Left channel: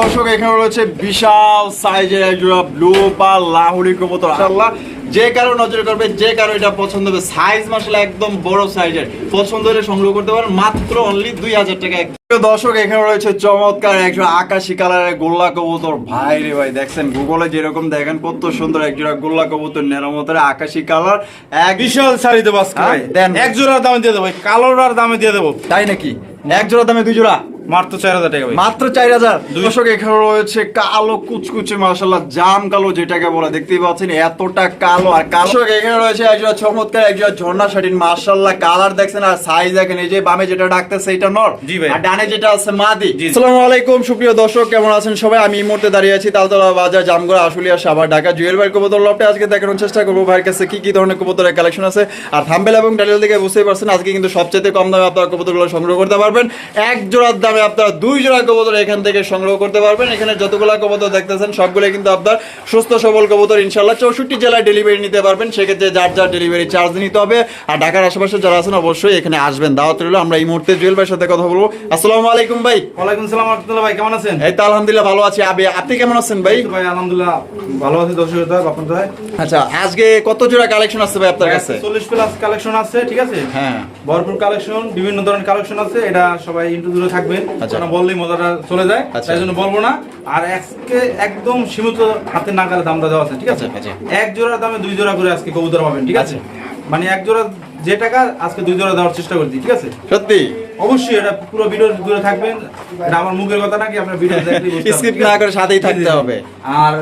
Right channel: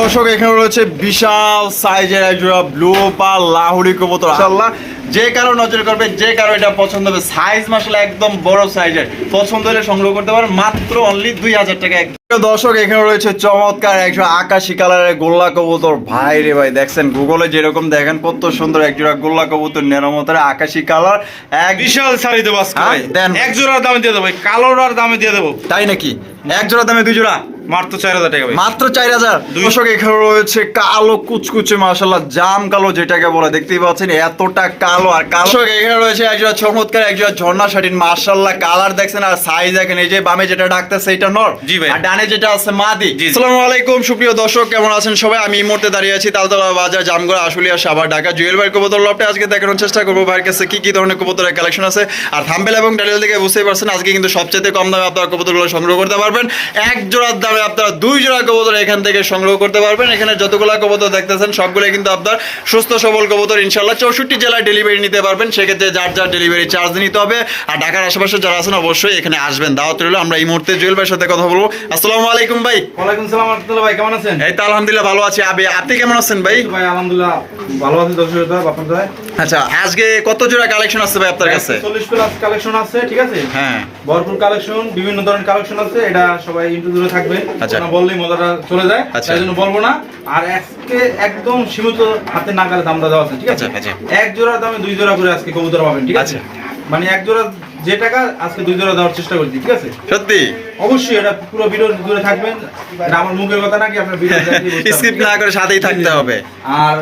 দর্শক এখানে রয়েছে বিশাল সাইজের একজোড়া ব্লু লাহুরি কবুতর। মাশাআল্লাহ যে কারও নজর করবে যে কারও এটা পছন্দ হবে। সাইজ মাসালা একদম বড় সাইজের। পছন্দ হলে সংগ্রহ করতে পারেন মাত্র অনলি দুই হাজার টাকা। দর্শক এখানে রয়েছে চমৎকার আকাশি কালারের গোল্লা কবুতর। ভাই রে ভাই দেখছেন গুগলে যেরকম দেখেন কত সুন্দর একজোড়া গোল্লা কবুতর নেরমতের আকাশি কালার। এক বিশাল শাড়ি দেবো হ্যাঁ। এক জোড়ার দামে দিয়ে দেবো ভাই, কালোটার দামে দিয়ে দেবো। তাই নাকি? এক জোড়া দামে দুই জোড়া? মাত্র চার হাজার টাকা ভাই। মাত্র চার হাজার। দুই দর্শক এখানে রয়েছে কালো কুচকুচে মাসাল্লাহ জাম কালো যেটাকে বলে দেখতেই পাচ্ছেন এতটা কালো। আর কালো এখানে রয়েছে একজোড়া চমৎকার একজোড়া ঝর্ণা শাড়ির মাসাল্লাহ কালার দেখছেন আর সাইজ দেখেন এই যে বামে যেটা ডাকতেছে এটা নর। জি ভাই। আর ডানে যেটা আছে মাদি। আসসালামু আলাইকুম সুপ্রিয় দর্শক কেমন আছেন সবাই? আমি এই মুহূর্তে দাঁড়িয়ে আছি তালতলা বাজার জামগড়া আশুলিয়া সাভার ঢাকা। জুয়েল ভাই কবুতর লপটে আজকে দেখানোর চেষ্টা করব ভাইয়ের কাছে কি কি ধরনের কবুতরের কালেকশন আছে। আর থাম্বেল এবং টাইটেল থেকে বুঝতেই পারছেন আজকে কিন্তু সবচেয়ে কম দামে আপনারা কবুতরগুলো সংগ্রহ করতে পারবেন। এক জোড়ার দামে আপনারা দুই জোড়া কবুতর এখান থেকে সংগ্রহ করতে পারবেন। এখানে যতগুলা কবুতর দেখতেছেন সবগুলো কিন্তু আপনার সুস্থ সবল কবুতর ইনশাল্লাহ চৌষট্টি জেলায় ডেলিভারি নিতে পারবেন সেক্ষেত্রে যার যার ডেলিভারি চার্জ নিতে হবে। আর ঢাকার আশেপাশে যারা আছেন অবশ্যই এখানে আসবেন। দাওয়াত রইল আমরা এই মুহূর্তে জুয়েল ভাইয়ের সাথে কথা বলব। আসসালামু আলাইকুম ভাই। ওয়ালাইকুম সালাম আহমদুল্লাহ ভাই কেমন আছেন? এই তো আলহামদুলিল্লাহ ভালো আছি। আবে আপনি কেমন আছেন ভাই? ভাই আলহামদুলিল্লাহ ভালো আছি। দর্শক ভাই। আচ্ছা আজকে কত জোড়া কালেকশন আছে ভাই আপনার কাছে? চল্লিশ প্লাস কালেকশন আছে ঠিক আছে? হ্যাঁ। ভরপুর কালেকশন বিভিন্ন ধরনের কালেকশন আছে এটা সবাই ইন্টু দূরে থাকবে। বললেই মজাটা চলে যায় আচ্ছা। তাই জন্য বলব না। আর আজকে একদম সীমিত হাতে নাগালে দামটা দেওয়া আছে ঠিক আছে? আচ্ছা, আচ্ছা। এক জোড়ার দামে দুই জোড়া করে আজকে কবুতর পাবেন ঠিক আছে? আচ্ছা। মানে এক জোড়া যে টাকা আজকে দুই জোড়া দেওয়ার চেষ্টা করছি ঠিক আছে? সত্যি? অবশ্যই এটা পুরো ভিডিও থাকবেন। এটা আমার মুখের কথা নাকি আপনার ভিডিও স্কিপ না করে সাথেই থাকতে হবে। আর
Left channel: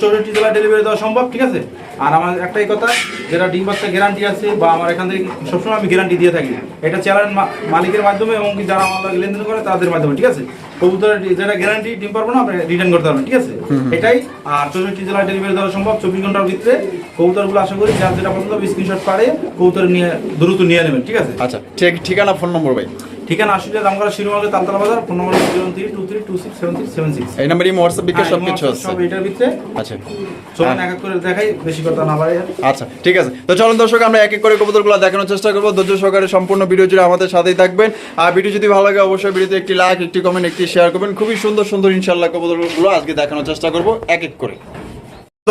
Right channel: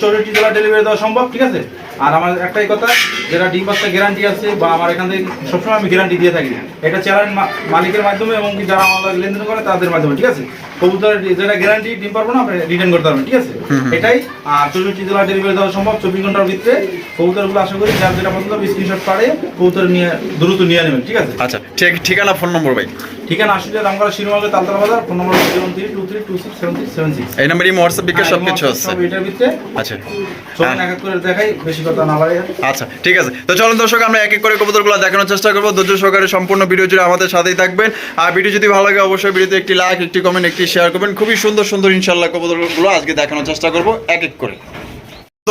চৌষট্টি জেলা ডেলিভারি দেওয়া সম্ভব ঠিক আছে? আর আমার একটাই কথা যেটা ডিম বাচ্চা গ্যারান্টি আছে বা আমার এখান থেকে সবসময় আমি গ্যারান্টি দিয়ে থাকি। এটা চ্যানেল মালিকের মাধ্যমে এবং যারা আমার লেনদেন করে তাদের মাধ্যমে ঠিক আছে? কবুতরের যেটা গ্যারান্টি ডিম পারব না আপনি রিটার্ন করতে পারবেন ঠিক আছে? এটাই। আর চৌষট্টি জেলা ডেলিভারি দেওয়া সম্ভব চব্বিশ ঘণ্টার ভিতরে। কবুতরগুলো আশা করি যার যেটা পছন্দ স্ক্রিনশট পাড়ে কবুতর নিয়ে দ্রুত নিয়ে নেবেন ঠিক আছে? আচ্ছা ঠিক ঠিকানা ফোন নম্বর ভাই। ঠিকানা আসলে রামগড়া শিরোমার্গে Taltala Bazar phone number zero three two three two six seven six seven six. এই নাম্বারই হোয়াটসঅ্যাপ বিকাশ হ্যাঁ, সবকিছু আছে। এটার ভিতরে। আচ্ছা। চলুন এক এক করে দেখাই বেশি কথা না বাড়াই আচ্ছা ঠিক আছে। তো চলুন দর্শক আমরা এক এক করে কবুতরগুলো দেখানোর চেষ্টা করব। ধৈর্য সহকারে সম্পূর্ণ ভিডিও জুড়ে আমাদের সাথেই থাকবেন। আর ভিডিও যদি ভালো লাগে অবশ্যই ভিডিওতে একটি লাইক একটি কমেন্ট একটি শেয়ার করবেন। খুবই সুন্দর সুন্দর ইনশাল্লাহ কবুতরগুলো আজকে দেখানোর চেষ্টা করব। এক এক করে।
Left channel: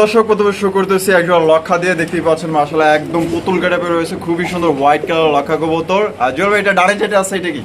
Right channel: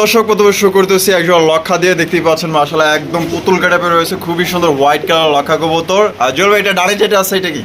দর্শক, প্রথমে শুরু করতেছি একজন লক্ষা দিয়ে। দেখতেই পাচ্ছেন মাসালা একদম পুতুল কাটাপে রয়েছে। খুবই সুন্দর হোয়াইট কালার লক্ষা কবুতর। আর জল এটা ডানে যেটা আছে, এটা কি?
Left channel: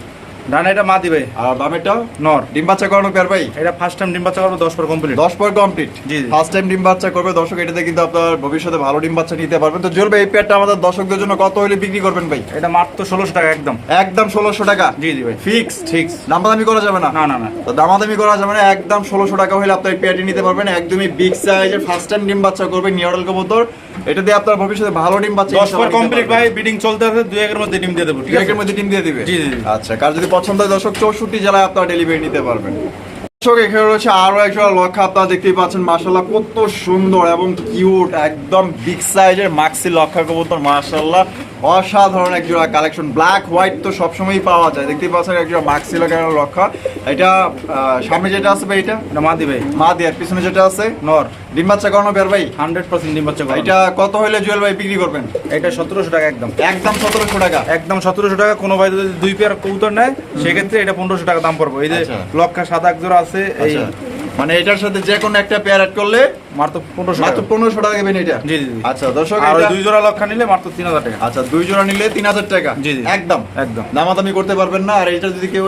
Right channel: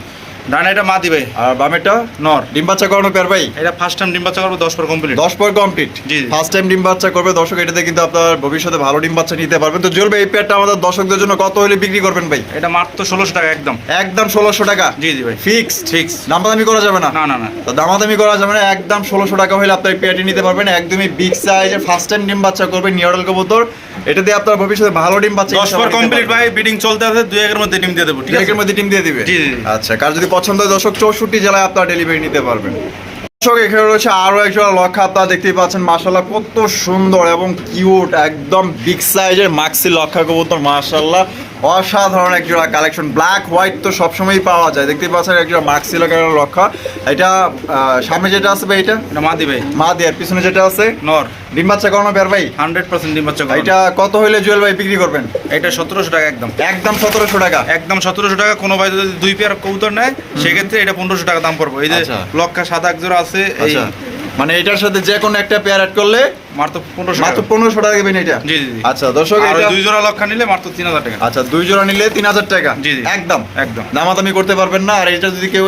ডানে এটা মা দিবে। আর বামেটা নর। ডিম বাচ্চা করানো পেয়ার ভাই? এটা ফার্স্ট টাইম ডিম বাচ্চা করব দশ পর কমপ্লিট দশ পর কমপ্লিট জি। ফার্স্ট টাইম ডিম বাচ্চা করবে দর্শক এটাতে কিন্তু আপনার ভবিষ্যতে ভালো ডিম বাচ্চা নিতে পারবেন তো এই পেয়ারটা আমাদের দর্শকদের জন্য কত হলে বিক্রি করবেন ভাই? এটা মাত্র ষোলোশো টাকা একদম। একদম ষোলোশো টাকা? জি জি ভাই। ফিক্স ফিক্স দামাদামি করা যাবে না? না না না। তো দামাদামি করা যাবে না একদম ষোলোশো টাকা হলে আপনার পেয়ারটি নিতে পারবেন। একদমই বিগ সাইজে ফার্স্ট টাইম ডিম বাচ্চা করবে নিয়ডল কবুতর। এটা দিয়ে আপনার ভবিষ্যতে ভালো ডিম বাচ্চা দশ পর কমপ্লিট ভাই বিডিং চলতে আছে দুই একের মধ্যে ডিম দিয়ে দেবো ঠিক আছে? একের মধ্যে ডিম দিয়ে দিবে? জি, জি। আচ্ছা কার যদি পছন্দ দর্শক চৌষট্টি জেলায় আপনার ডেলিভারি নিতে পারবেন। দর্শক, এখানে রয়েছে আরও একজন লক্ষা আপনারা দেখতেই পাচ্ছেন মাসাল্লাহ কত সুন্দর এবং কিউট একদম বিগ সাইজের মাক্সি লক্ষা কবুতর মাশাল্লাহ অসাধারণ এক জোড়া কালেকশন ব্ল্যাক হোয়াইট তো সবসময়ই পাওয়া যায়। দেখতেই পাচ্ছেন এক জোড়া লক্ষা লক্ষা এটা সামনে যেটা আছে ভাই এটা? এটা মা ভাই। মা দেয়ার পিছনে যেটা আছে? নর। ডিম বাচ্চা করানো বের ভাই? হান্ড্রেড পার্সেন্ট ডিম বাচ্চা এটা কত হইলে জুয়েল ভাই বিক্রি করবেন? এটা সতেরোশো টাকা একদম। একদম সতেরোশো টাকা। একদম সতেরোশো টাকা। কোনো ভাই যদি দুই পেয়ার কবুতর নেয় সেক্ষেত্রে এটা পনেরোশো টাকা দাম পড়বে। এই যে আচ্ছা। লক্ষা সাদা এক জোড়া আছে এই আচ্ছা। মানে এটার সাথে যে কোনো একটা পেয়ার অ্যাড করলে মাত্র পনেরোশো মাত্র পনেরোশো টাকা দেবেন এটা। জি, জি, জি। আচ্ছা দর্শক আর দুই জোড়া লক্ষা নিলে মাত্র তিন হাজার টাকা। আচ্ছা দুই জোড়া নিলে তিন হাজার টাকা। জি, জি। একদম। একদম। দামাদামি করতে পারবেন না। আর এটা যদি কেউ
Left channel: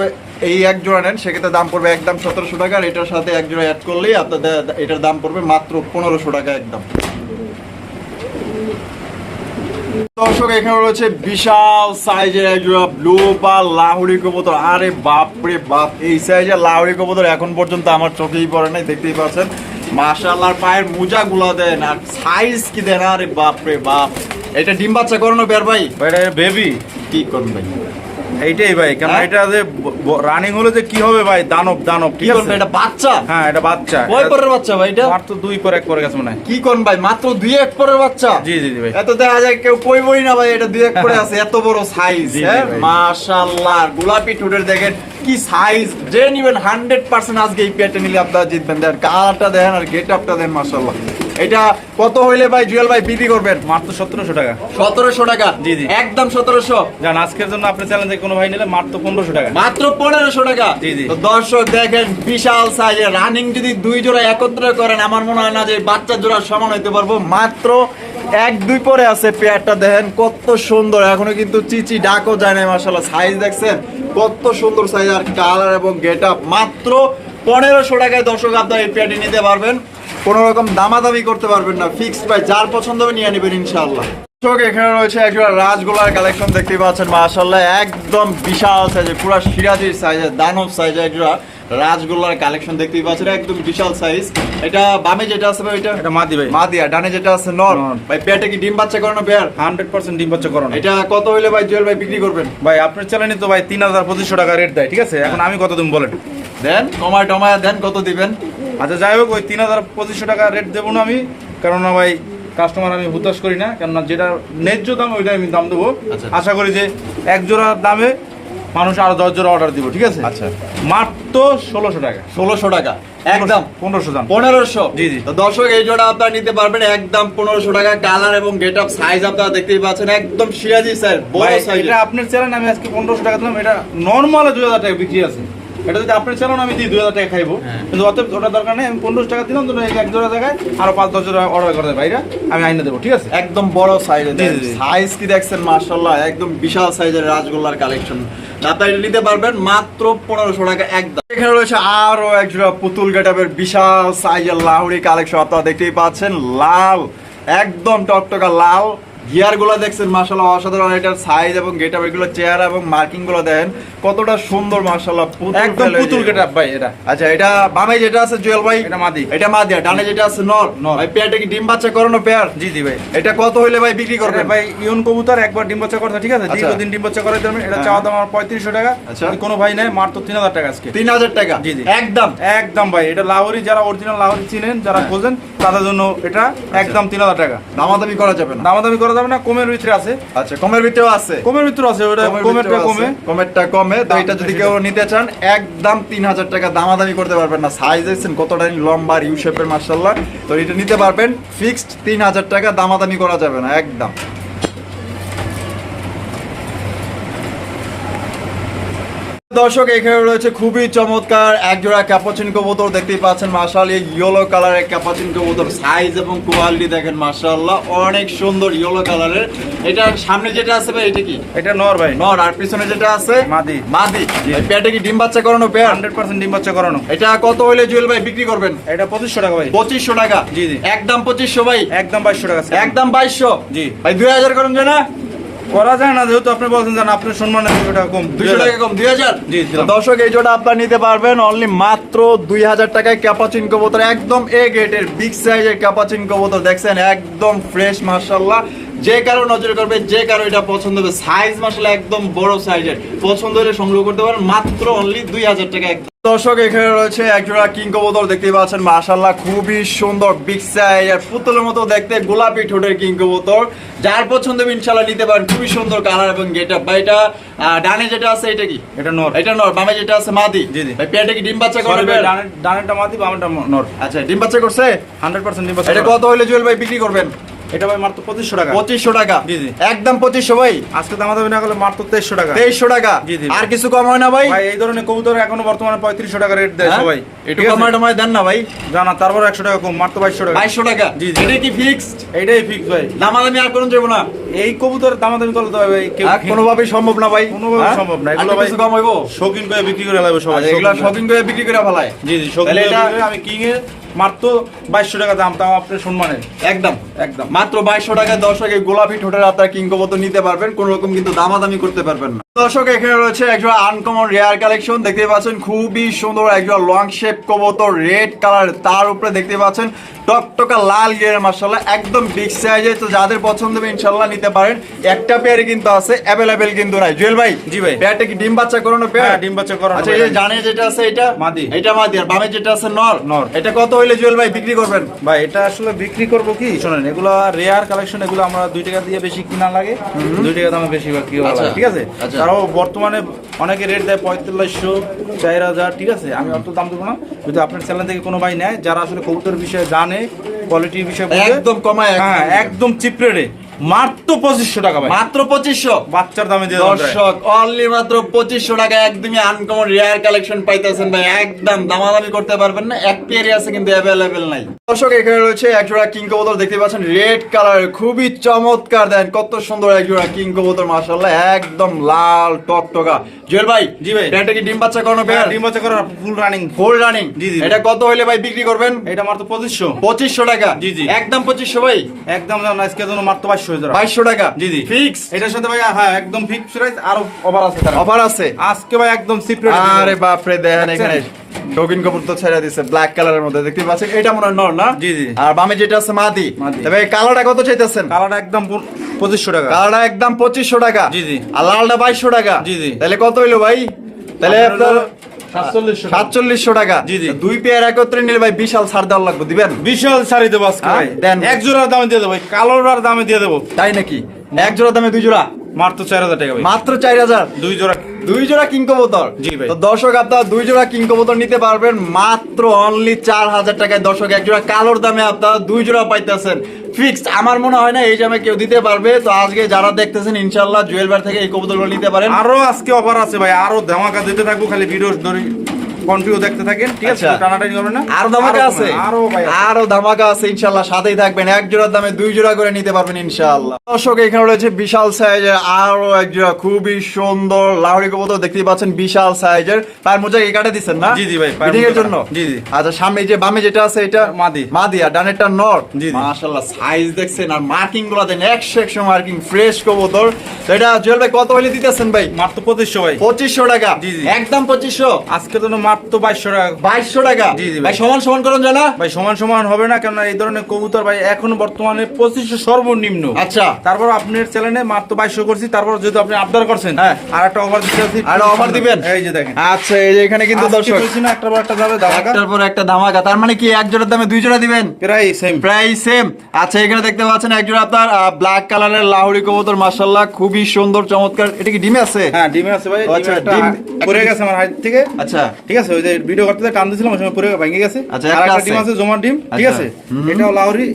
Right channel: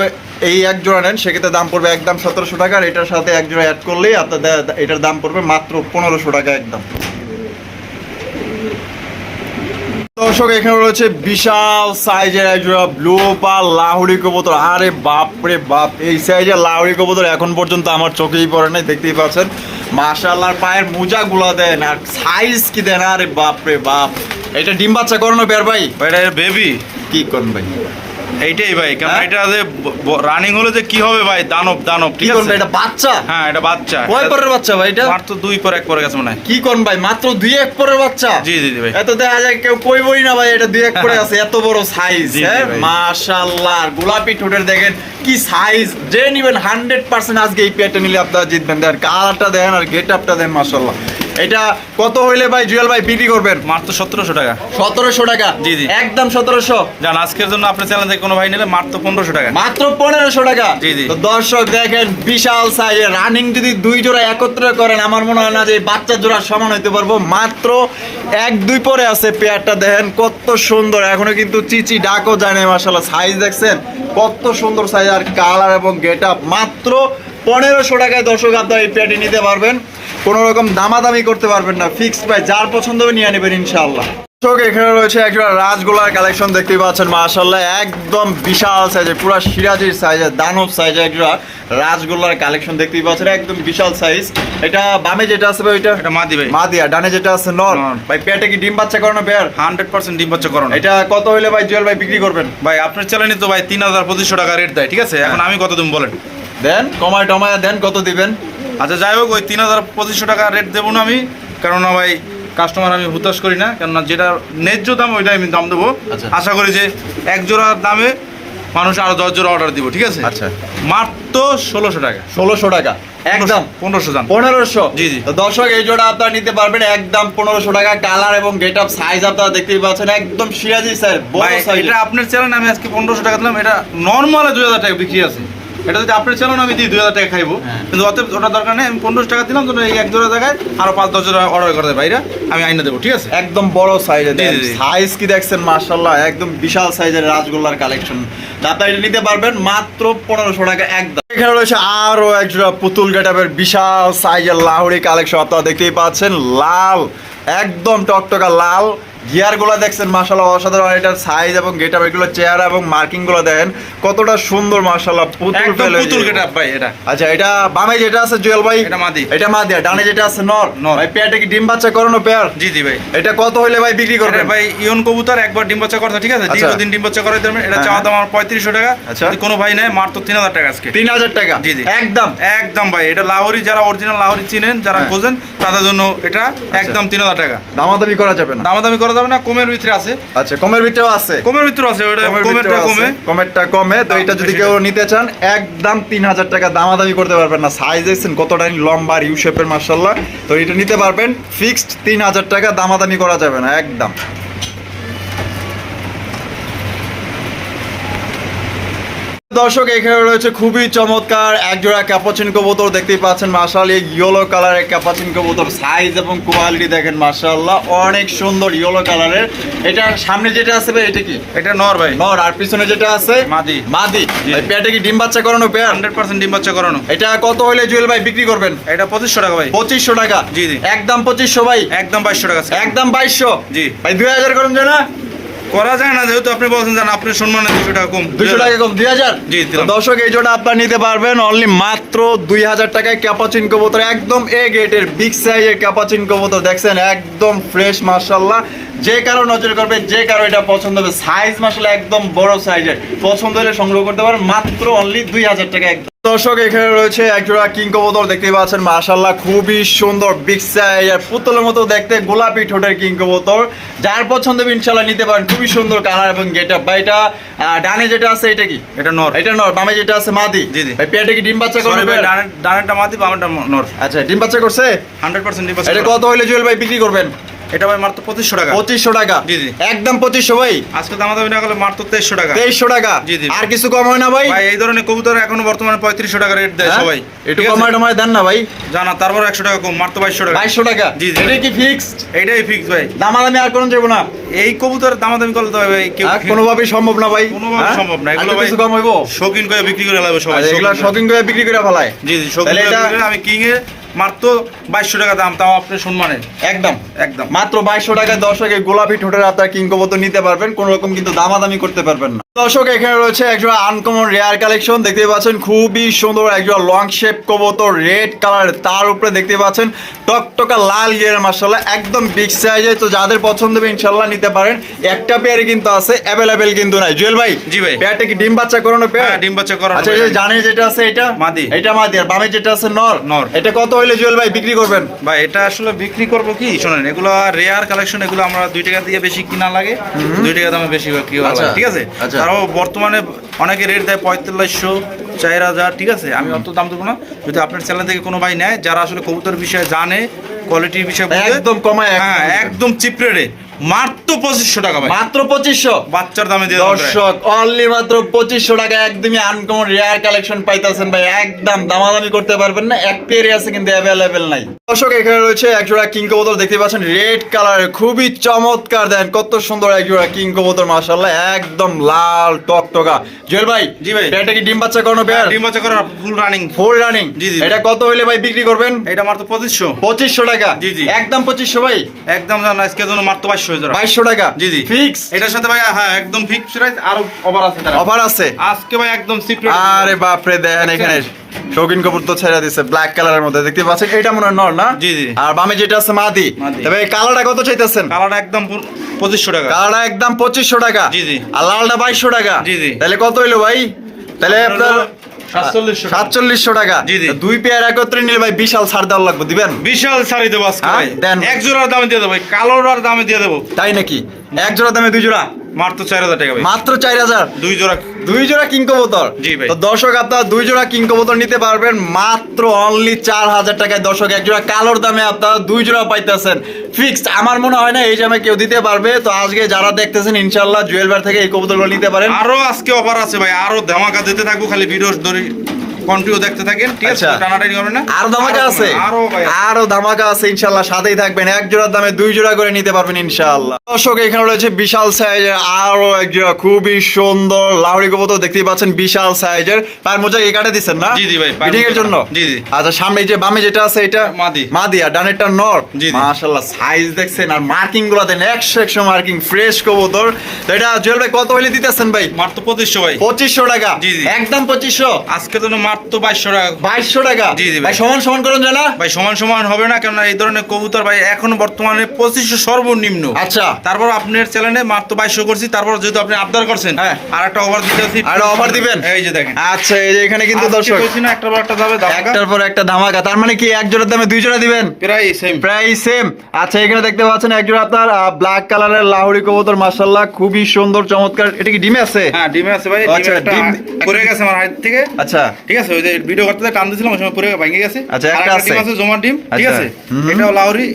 এই এক জোড়া নেন সেক্ষেত্রে দাম পড়বে একদম সতেরোশো টাকা। আর এটার সাথে এক জোড়া অ্যাড করলেই আপনার এটার দাম পড়বে মাত্র পনেরোশো টাকা একদম। দর্শক এখানে রয়েছে বিশাল সাইজের একজোড়া ব্লু পাল লাহুড়ি কবুতর। আরে বাপ রে বাপ এই সাইজের লাহুড়ি কবুতর এখন পর্যন্ত আমার চোখেই পড়ে নাই দেখতেই পাচ্ছেন। মাশাআল্লাহ পায়ের মোজা গুলা দেন আর সাইজ কি দেন? আরে বাপ রে বাপ। এটা ডিম বাচ্চা করানো বের ভাই? ভাই এটা বেবি কি করেন ভাই? এইটাই ভাই কেন হ্যাঁ? এটা যে রানিং হলে যে কি হবে ভাই? দানব দানব ঠিক আছে? এটা বাচ্চা? হ্যাঁ এটা বাচ্চা। কয় পরের বাচ্চা ভাই এটা? মাত্র দুই পর এক পরে গেছে মনে হয়। কি করুন ভাই? মাত্র দুই এক পরের বাচ্চা? জি জি ভাই। এত দেখা যায় কেউ কইবই না ভাই এটা দুই এক পরে আছে। এত বড় সাইজ হ্যাঁ। মাশাআল্লাহ গোলাপি ঠোঁটের দেখেন কি সাইজ যে নিবেন হান্ড্রেড পার্সেন্ট আজকে এই পেয়ারটা নিলে আপনারা জিতবেন। দেখেন কালারটা দেখেন আর গেট আপটা দেখেন মাশাআল্লাহ। এটা কত হইলে ভাই জুয়েল ভাই বিক্রি করবেন? মাত্র সতেরোশো টাকা। সতেরোশো টাকা? জি, জি। একদম সতেরোশো? জান আজকের জন্য আপনি চ্যানেল থেকে কোনো ভাই নিলে মাত্র পনেরোশো টাকা। মাত্র পনেরোশো টাকা? জি, জি। তো দর্শক দেখেন বিশাল সাইজের রানিং যদি দুই জোড়া একত্রে করেন আমার মনে হয় না যে বাচ্চার জোড়া সমান হইতে পারব। মাত্র এক দুই পরে আছে পেয়ারটা দেখেন কত সুন্দর। এখনও কিন্তু চিচি ডাকও যায় না মাসাল্লাহ সাইজ দেখছেন কত সুন্দর সাইজ আর কালার এবং গেট আপ মাত্র পনেরোশো টাকায় দর্শক আপনার এই পেয়ারটি নিতে পারবেন। কোনো রকম দামাদামি করতে পারবেন না ফিক্সড প্রাইস যার পছন্দ হবে নিয়ে নেবেন ইনশাআল্লাহ। দর্শক এখানে রয়েছে একটা রাজগোলার কালেকশন দেখতে পাচ্ছেন মাশাল্লাহ একদম বিশাল সাইজের পুরো সিরাজির সাইজের দানব সাইজের একটা রাজগোলার কালেকশন দেখতে পাচ্ছেন একদম বিশাল সাইজ এটা বামে যেটা আছে ভাই ওইটা এটা মাদি ভাই। মা দিয়া ডানে যেটা আছে নর। ভাই পেটে কি ডিম বাচ্চা করানো পেয়ার? হান্ড্রেড পার্সেন্ট ডিম বাচ্চা করো না। এটা কত হইলে ভাই জুয়েল ভাই বিক্রি করবেন? ভাই আপনার চ্যানেলে তো ভাই তিন হাজার পঁচিশশো টাকা রেট দেয় ঠিক আছে? এখন আমি কত তুমি বলেন? দেন কমায় টমায় দেন কত দিবেন? আচ্ছা যাই হোক ওই তিন হাজার পঁচিশশো টাকা রেট দেবো না আমি কেননা ভাই কাস্টমার আমি হুতাশ করি না কেননা যেটা ন্যায্য দাম ওইটাই আমি দাম দেবো। আচ্ছা। আশা করি যে এক জোড়ার দামে মানুষ আরও দশ জোড়া অর্ডার দিব ঠিক আছে? আচ্ছা। মাত্র ষোলোশো টাকা। ষোলোশো টাকা একদম। পনেরোশো দাম। পনেরোশো। জি, জি। দর্শক এই জোড়া আপনারা নিতে পারবেন একদম পনেরোশো টাকা। কালার এবং গেট আপ সাইজ আপনারা দেখতেই পাচ্ছেন একদম সিরাজি বড় এটা আপনার চ্যানেল আমি আজকে পনেরোশো টাকা দিলাম এটা নর্মালে দুই হাজার টাকা বিক্রি আছে। এটা যদি আপনার চ্যানেল আমি দিই দুই হাজার টাকা খাইবো। কিন্তু অতএব ওটা দরকার নেই আমি পনেরোশো টাকা দিলাম তো এক জোড়া জায়গায় আরও পাঁচ দশ জোড়া অর্ডার করে দেয় ভাইরা আমি আইনে দেবো ঠিক আছে? একদম বড় সাইজের। সাইজ কি দেখছেন মার্শাল্লাহ একদম বিশাল সাইজের রাজগোল্লার কালেকশন আপনারা এটা নিতে পারবেন মাত্র পনেরোশো টাকা একদম। এখানে রয়েছে আরও একজোড়া পুতুল গেটাপের বিশাল সাইজের লাউড়ি কালেকশন আপনারা দেখতেই পাচ্ছেন লাল একদম টকটকা লাল। গিয়ারগুলো দেখছেন মার্শাল্লাহ অসাধারণ। এটার সাইজ এবং গেটাপ এগুলো চেহারা এবং মার্কিংগুলো দেখেন কতটা সুন্দর মার্শাল্লাহ একদম পুতুল গেট ভাই এটা। আচ্ছা এটা বামে যেটা আছে জুয়েল ভাই? এটা মাদি। এটা মাদি ডানে যেটা আছে নর। নর। ভাই পেয়ারটা কি ডিম বাচ্চা করানো পেয়ার? জি জি ভাই। এটা কত হইলে ভাই বিক্রি করবেন? ভাই ইয়ন কবুতর একবার ডিম বাচ্চা করতে ঠিক আছে? আচ্ছা। দীর্ঘদিন ডিম বাচ্চা করাই দেবেন এটা হ্যাঁ। চাওয়া দাম আমার পঁয়ত্রিশশো টাকা। আচ্ছা। যদি কোনো ভাই নেয় মাত্র তিন হাজার টাকা আজকে। তিন হাজার টাকা? জি, জি। একদম? একদম ভাই এটা লাহোরি যারা অরিজিনাল লাহোরি চিনেন যারা হ্যাঁ। খোঁজেন তাদের জন্য এটা একদম তিন হাজার টাকা। দামাদামি করা যাবে না। দামাদামি করা যাবে না কমের ভিতরে আছে। আচ্ছা কমের ভিতরেও আছে। কমের ভিতরে আছে ওটা কমেরটা কমে। কমেরটা কমে। তো এটা যদি কেউ নিতে চান একদম তিন হাজার টাকা দামাদামি করতে পারবেন না। সাইজ দেখছেন কতটা লম্বা ইউ শেপের মার্শাল্লাহ তো এটা নিতে পারবেন। ফিক্সড তিন হাজার টাকা দামাদামি করা যাবে না একদম। দর্শক এখানে রয়েছে খুবই চমৎকার একজোড়া ক্যাপাচিন কবুতর দেখতেই পাচ্ছেন মার্শাল এই ইয়েলো কালারের ক্যাপাচিন কবুতর সাইজ এবং কোয়ালিটি দেখেন মার্শাল্লাহ অনেক সুন্দর ইয়েলো কালারের এটা সামনে যেটা আছে ভাই এটা কি? এটা নর ভাই। নর আর পিছনে যেটা আছে? মাদি। মাদি। এই পেয়ারটা কি ডিম বাচ্চা করানো পেয়ার হান্ড্রেড পার্সেন্ট ডিম বাচ্চা করানো। এটা কত হইলে জুয়েল ভাই বিক্রি করবেন? এটা পঁচিশশো টাকা ভাই। পঁচিশশো টাকা? জি, জি। একদম পঁচিশশো ভাই? একদম বাইশশো টাকা। একদম বাইশশো? জি। ভাই দুই হাজার করেন যে না? করা যায় না যেহেতু আপনি বলছেন জান আপনার সম্মানে দুশো টাকা কম দুশো টাকা কম দুই হাজার? জি, দিলাম। দর্শক এই জোটা আপনার নিতে পারবেন অনলি মাত্র দুই হাজার টাকায় ক্যাপাচিন কবুতর একদম এ গেটের বিগ সাইজের ক্যাপাচিন কবুতর দেখছেন? একদম ফ্রেশ মার্শাল্লাহ যে কারও নজর করবে যে কারও এটা পছন্দ হবে। সাইজ মার্শাল্লাহ একদম বড় সাইজের পছন্দ হলে সংগ্রহ করতে পারেন মাত্র অনলি দুই হাজার টাকা দর্শক এখানে রয়েছে একজোড়া কিং কবুতর দেখতে পাচ্ছেন। মাশাল্লাহ খুবই সুন্দর বিগ সাইজের পুতুলের মতো দেখতে গোলাপি ঠোঁটের কিং কবুতর যার পছন্দ হবে ইনশাল্লাহ নিতে পারেন। খুবই সুন্দর কালার এবং গেট আপ ভাই এটা ডানে যেটা আছে এটা কি? এটা নর। এটা নর। বামে যেটা আছে মাদি। জি, জি। ভাই পেটে কি ডিম বাচ্চা করবে ভাই ডানের ডানেরটা মাদি বামেরটা নর। আচ্ছা ডিম বাচ্চা করছে? হান্ড্রেড পার্সেন্ট ডিম বাচ্চা এটা কত হইলে জুয়েল ভাই বিক্রি করবেন? এটা ভাই মাত্র পঁচিশশো টাকা। পঁচিশশো টাকা। জি, জি। একদম পঁচিশশো ভাই। আজকে দামা দামি না করলে মাত্র তেইশশো টাকা। তেইশশো টাকা। জি, জি। আর কিছু কম হয় না ভাই। ভাই এই ধরনের কবুতর এখনও বর্তমানে পঁয়ত্রিশশো টাকা রেট দেয় হ্যাঁ? সবাই। একটু ঠিক টমায় দেন না ভাই। জানা তারপর একশো টাকা কম মাত্র বাইশশো টাকা। বাইশশো টাকা। জি, জি। এটা কি ফিক্সড এইটাই ফিক্স ভাই। দামাদামি আর কোনো যাব না। এই কবুতর দামাদামি করলে তো ভাই কেউ কোনোভাবেই সম্ভব না ভাই। কোনোভাবে হ্যাঁ? সম্ভব না। এগুলো ভাই কম হইবো? শৌখিন করে বিক্রি করে লাগবে সবাই এগুলো শৌখিন করে। বিক্রি করে ফেলায়। জি জি শৌখিন করে আমি কিং এর মাত্র বাইশশো টাকা দাম তাও আপনি সম্মানে একদম। একদম। মাত্র বাইশশো টাকায় দর্শকের গোলাপি ঠোঁটের আপনার কিংকবত নিতে পারবেন কোনো রকম কিন্তু দামাদামি করতে পারবেন না। দর্শক এখানে রয়েছে একজোড়া আনকমন রেয়ার কালেকশন দেখতে পাচ্ছেন খুবই সুন্দর একজোড়া লং শেপ কবুতর রেড কালার তার উপরে দেখতে পাচ্ছেন টকটকা লাল গিয়ার মাসাল্লাহ একদম বিগ সাইজে তো যাদের পছন্দ হবে ইনশাল্লাহ নিতে পারেন। একটা পেয়ারে কিন্তু আছে অ্যাভেলেবেল কিন্তু নাই। জুয়েল ভাই জি ভাই। পেয়ারটা কি ডিম বাচ্চা করানো পেয়ার হ্যাঁ, ডিম বাচ্চা করানো আচ্ছা। এই জানে যেটা আছে এটা? মাদি। এটা মাদি আর বামে যেটা আছে নর। নর। এটা কত হইলে জুয়েল ভাই বিক্রি করবেন? ভাই এটা আসলে বিক্রি করব কি? শোনেন এগুলো রেয়ার কালেকশন এগুলো আমরা দুই টাকা দিয়ে বেশি কিনা লাগে। দুই টাকা দামে বেশি বিক্রি করা আচ্ছা, ঠিক আছে? আচ্ছা। তারাও বর্তমানে অনেকে রেট দেয় পঁয়তাল্লিশশো চার হাজার ঠিক আছে? আমি অত দাম দেবো না। যদি আপনার চ্যানেল থেকে কোনো ভাই নেয় যারা আসলে কবুতর বিষয়ে জানে কোয়ালিটির বিষয়ে একদম কমায় হ্যাঁ একদম চিপ রেটে মাত্র পঁচিশশো টাকা ভাই। মাত্র পঁচিশশো? বাচ্চার দামে দিয়ে দর্শক অনলি মাত্র পঁচিশশো টাকা একদমই আনকমন রেয়ার কালেকশন পাইতেছেন ভাই। একদম দামাদামি করতে পারবেন না এক পেয়ারে আছে কিন্তু অ্যাভেলেবেল নাই। দর্শক এখানে রয়েছে একজোড়া কিং কবুতর দেখতে পাচ্ছেন রেড কালারের খুবই চমৎকার। দেন কত সুন্দর একজোড়া কিং কবুতর মাশাআল্লাহ একদম লাল টকটকা। জুয়েল ভাই জি ভাই। এটা কি ডিম বাচ্চা করানো পেয়ার? ডিম বাচ্চা করার ফুল রানিং ফুল রানিং জি, জি। এটা কত হইলে ভাই বিক্রি করবেন? এটা মাত্র পঁচিশশো। পঁচিশশো টাকা। জি, জি। একদম পঁচিশশো ভাই। একদম জান আজকের জন্য মাত্র বাইশশো। হয়ে যাবে। টাকা। জি জি। ফিক্স। এটার সাথে ভাই হ্যাঁ একদম ফিক্স প্রাইস আরও অফার আছে অফার আছে? আজকে ভাই একদম চিপ আরে বাপরে দেখেন এখানে শৌখিন কাপুর তো ছেড়ে দিছে ব্ল্যাক কালারের মধ্যে। দেখতে পাচ্ছেন? এটা মনে হয় নর না? জি, জি। আর বামে যেটা আছে মাদি। মাদি। তবে এই কালারটা কত চাইতেছেন? কালারটা একদম পঁচিশশো টাকা। কালারটা একদম পঁচিশশো টাকা। জি, জি। আর লালটা বাইশশো টাকা। জি, জি। তাহলে কত হইল ভাই? তাহলে আপনার সাতচল্লিশশো টাকা। দুই পেয়ার একত্রে নিলে ভাই বিশাল ছাড় দেওয়ার লাগবে দিবেন? বিশাল দেবো হ্যাঁ। এক জোড়ার দামে দিয়ে দেবো কালোর দামে দিয়ে দেবো। তাই নাকি? এক জোড়া দামে দুই জোড়া? মাত্র চার হাজার টাকা মাত্র চার হাজার? দুই জোড়া দুই জোড়া কিং কবুতর? জি ভাই। তো দর্শক আপনারা দুই জোড়া কিং কবুতর নিতে পারবেন। মাত্র অনলি চার হাজার টাকায়। দর্শক এক জোড়া কালোর দামে আপনারা দুই জোড়া পাইতেছেন। ফিক্সড আমার মনে হয় না এই দামে কেউ দিতে পারবে। তো আজকে যারা দেখতেছেন ইনশাল্লাহ জুয়েল থেকে এই কবুতরগুলো নিতে পারেন। আরও আজকে অফার আছে ভাই। আরও ধামাকা দিতে থাকব খালি ভিডিও ধরে কন্টিনিউ দেখতে থাকেন ঠিক আছে? আচ্ছা। টানাটানি না? আরও ধামাকা আছে। আরও ধামাকা আছে ইনশাল্লাহ সাথেই থাকবেন। এক জোড়ার দামে দুই জোড়া করে নিতে পারবেন ইনশাল্লাহ। দর্শক এখানে রয়েছে বিশাল সাইজের আরও এক জোড়া খুবই সুন্দর লাহড়ি কবুতর দেখতেই পাচ্ছেন বিশাল সাইজের। পায়ের মোজা এই কাটে দিচ্ছেন না? জি, জি ভাই, ফিটিং এর জন্য? জি, জি। আচ্ছা সামনে এই যে বামে যেটা আছে এটা মাদি। মাদি আর ডানেরটা নর। মাশাআল্লাহ সাইজ দেখছেন আর মার্কিংগুলো দেন একশো একশো মার্কিং ফ্রেশ কবুতর। তো এটা জুয়েল ভাই কত হইলে দিতেছেন ভাই? মাত্র পঁচিশশো ভাই। পঁচিশশো টাকা। জি, জি। একদম পঁচিশশো? আজকে তো মাত্র বাইশশো টাকা। বাইশশো টাকা? জি, জি ভাই। সমান সমান করেন জানা ভাই সমান সমান হবে না কেননা এই ধরনের কবুতর ভাই এখন বর্তমানে পঁচিশশো সর্বনিম্ন। আচ্ছা। তারপর আপনার চ্যানেলে মাত্র বাইশশো করছি তারপর যেহেতু আপনি আবদার করছেন হ্যাঁ। আর একটা অফার দিতে আর offer দিবেন? এই যে দেখেন। আচ্ছা এই যে এখানে কিন্তু দর্শক। কইছি না একটা পর একটা যাবে একটার পর একটা ধামাকা। তার মানে কি এক জোড়ার দামে দুই জোড়া দিবেন? প্রায় সেম প্রায় সেম আচ্ছা এখানে দেখতে পাচ্ছেন এক জোড়া আপনার ব্ল্যাক কালারের লাহোরি কবুতর মাশাআল্লাহ খুবই সুন্দর চমৎকার। এটা কি ডিমে আছে? হ্যাঁ ডিমে আছে ভাই আচ্ছা, ডিমে একটা ডিম- পড়ে গেছে আমার হাত থেকে। আচ্ছা। ঠিক আছে? ওই যে ভিডিও করতে টান দিয়েছিলাম ওই সময় পরে ভেঙে গেছে আচ্ছা, আর একটা আছে। ডিম আছে জমার ডিম ঠিক আচ্ছা। আছে এটা এটাও লাউরি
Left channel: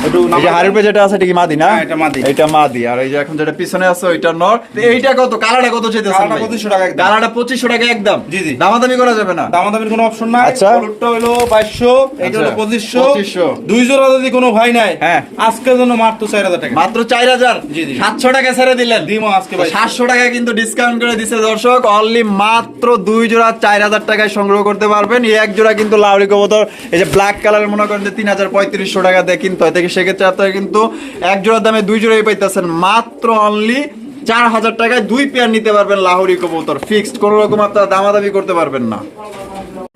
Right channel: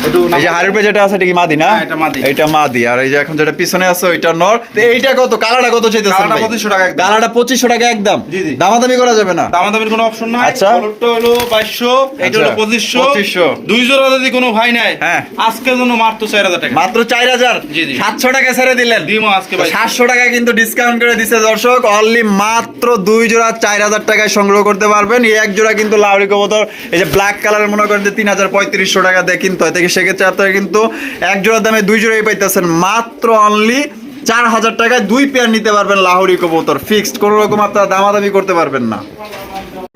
এই যে হাড়ির উপরে যেটা আছে এটা কি মাদি না? এটা মাদি। এটা মাদি। আর এই যে এখন যেটা পিছনে আছে ওইটা নর। তো এইটা কত? কালারটা কত চাইতেছেন কালারটা 2500 টাকা একদম। কালারটা 2500 টাকা একদম। জি, জি। দামাদামি করা যাবে না। দামাদামির কোনো অপশন নাই। আচ্ছা। হলুদটা হলো বাইশশো এটা হলো পঁচিশশো। 2500 দুই জোড়া যদি কোনো ভাই নাই হ্যাঁ। আজকের জন্য মাত্র চার হাজার টাকা। মাত্র চার হাজার? জি, জি। সাতশো টাকা ছেড়ে দিলেন। ডিমও আজকে ভাই। সাতশো টাকা কিন্তু ডিসকাউন্ট করে দিছে দর্শক। অনলি মাত্র দুই জোড়া চার হাজার টাকায় সংগ্রহ করতে পারবেন। এই এক জোড়া কিন্তু লাউরি কবুতর এই যে ব্ল্যাক কালারের মনে করেন যে তিন হাজার পঁয়ত্রিশশো টাকা দিয়ে কিনতে হয়। সেক্ষেত্রে আপনারা কিন্তু এক জোড়ার দামে দুই জোড়াই পাইতেছেন। মাত্র অনলি চার হাজার টাকায় দুই পেয়ার নিতে পারবেন লাহোরি কবুতর। ফিক্সড কোনো রকম আপনারা দামাদামি করতে পারবেন না।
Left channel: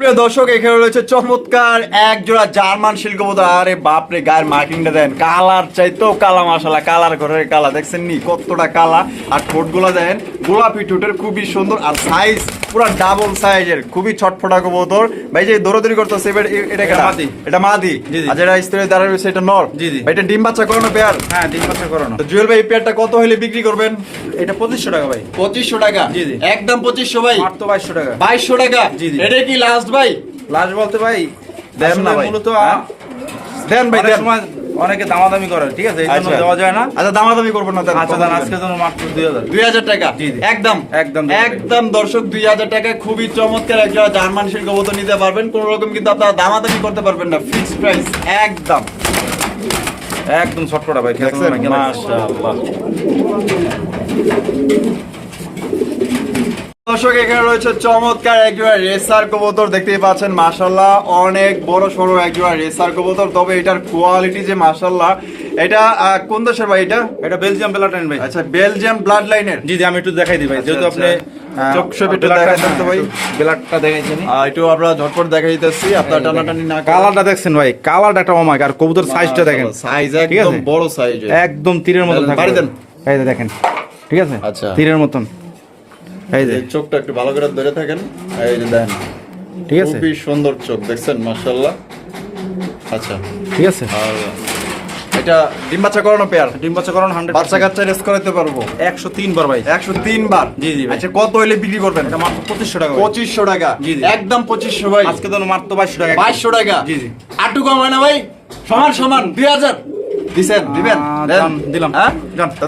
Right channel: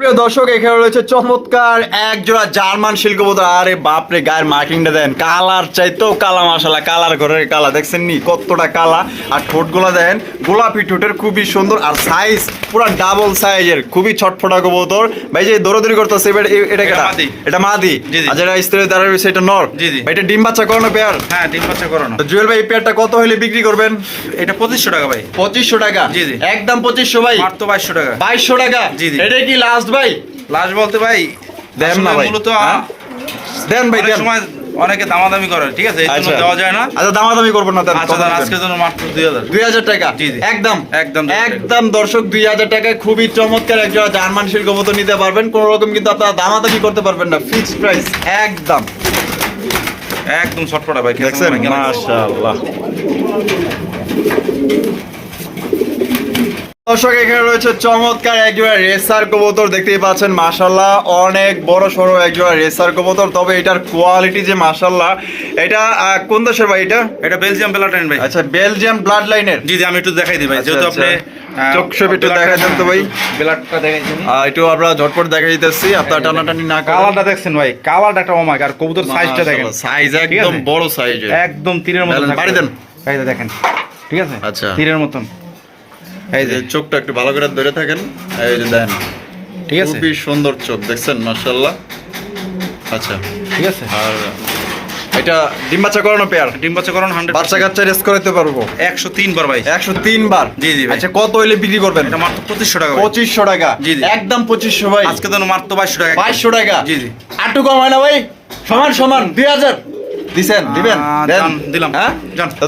প্রিয় দর্শক এখানে রয়েছে চমৎকার এক জোড়া জার্মান আরে বাপরে গায়ের মার্কিংটা দেন। কালার কালা মশালা কালার ঘরের কালা। দেখছেন নি কতটা কালা? আর ঠোঁটগুলা দেন গোলাপি ঠোঁটের খুবই সুন্দর আর সাইজ পুরো ডাবল সাইজের খুবই ছটফটা কবুতর। ভাই যে দৌড়াদৌড়ি করতেছে এটা এটা কেটা? এটা মাদি? জি, জি। আর যেটা রয়েছে এটা নর? এটা ডিম বাচ্চা করানো পেয়ার হ্যাঁ ডিম বাচ্চা করানো। জুয়েল ভাই পেয়ারটা কত হলে বিক্রি করবেন? এটা পঁচিশশো টাকা ভাই। পঁচিশশো টাকা? জি, জি। একদম পঁচিশশো ভাই? মাত্র বাইশশো টাকা। বাইশশো টাকা? জি, জি। এটা কি লাস্ট ভাই। লাস্ট বলতে ভাই দেন না ভাই। মূলত হ্যাঁ? দেন ভাই দেন। সময় অনেকে দামাদামি করে ঠিক আছে? এই জন্য আচ্ছা। দেওয়া যায় না। আচ্ছা দামাদামি করব না আচ্ছা দাম আজকের জন্য মাত্র দুই হাজার। দুই হাজার টাকা। একদম। একদম। একদম দর্শক দুই হাজার টাকায় খুবই চমৎকার। একজন জার্মান শিল্প মতো নিতে পারবেন। কোন রকম কিন্তু আপনারা দামাদামি করতে পারবেন না। ফিক্সড প্রাইস একদম। একদম ছটপটা ভাই দেখছেন? মাশাআল্লাহ। দর্শক এখানে রয়েছে চমৎকার একজোড়া রেসার কবুতর দেখতেই পাচ্ছেন মাশাল্লাহ অনেক বড় সড়ো একজোড়া রেসার কবুতর। তবে এটার কোয়ালিটি যে মাশাল্লাহ এটা কোন দেশের ভাই এটা? এটা বেলজিয়াম বেলাটাইন ভাই। আচ্ছা বেলজিয়াম ব্লাড লাইনের জি জি আমি একটু দেখাই দিই ভাই আচ্ছা, যেহেতু। আপনি চোখ একটু দেখাই দেন তো ভাই। ব্লাডটা দেখাইছেন একটু আমরা ঝটপট দেখাই দিতেছি আপনার টানাটানি না কালারটা দেখছেন ভাই কালারটা একটা মামাক আর কবুতর সাইজটা দেখেন। সাইজ একদম বড় সাইজের একদম তীরের মতন বাড়ি দেন। এই দেখেন ঠিক আছে? আচ্ছা। তীরের মতন। এই যে চোখটা একটু ভালো করে ধরে থাকেন। এই যে দেন ঠিক আছে। খুবই সুন্দর চোখ দেখছেন? মাশাআল্লাহ। আচ্ছা। ঠিক আছে। আর এটা ডিম বাচ্চা করানো পেয়ার ডিম বাচ্চা করান হান্ড্রেড বাচ্চা কাচ্চা রেস করাতে পারব। একশো তিন বার ভাই। একশো তিন বার? জি, জি ভাই। আচ্ছা কত হইলে বিক্রি করবেন? এটা মাত্র পঁচিশশো টাকা পঁচিশশো টাকা? জি, জি। একদম পঁচিশশো ভাই। আজকে তো মাত্র বাইশশো টাকা। বাইশশো টাকা? জি জি। আটু কম হয় না ভাই? সমান সমান। দুই হাজার? দিছেন দিবেন? দিলাম। হ্যাঁ?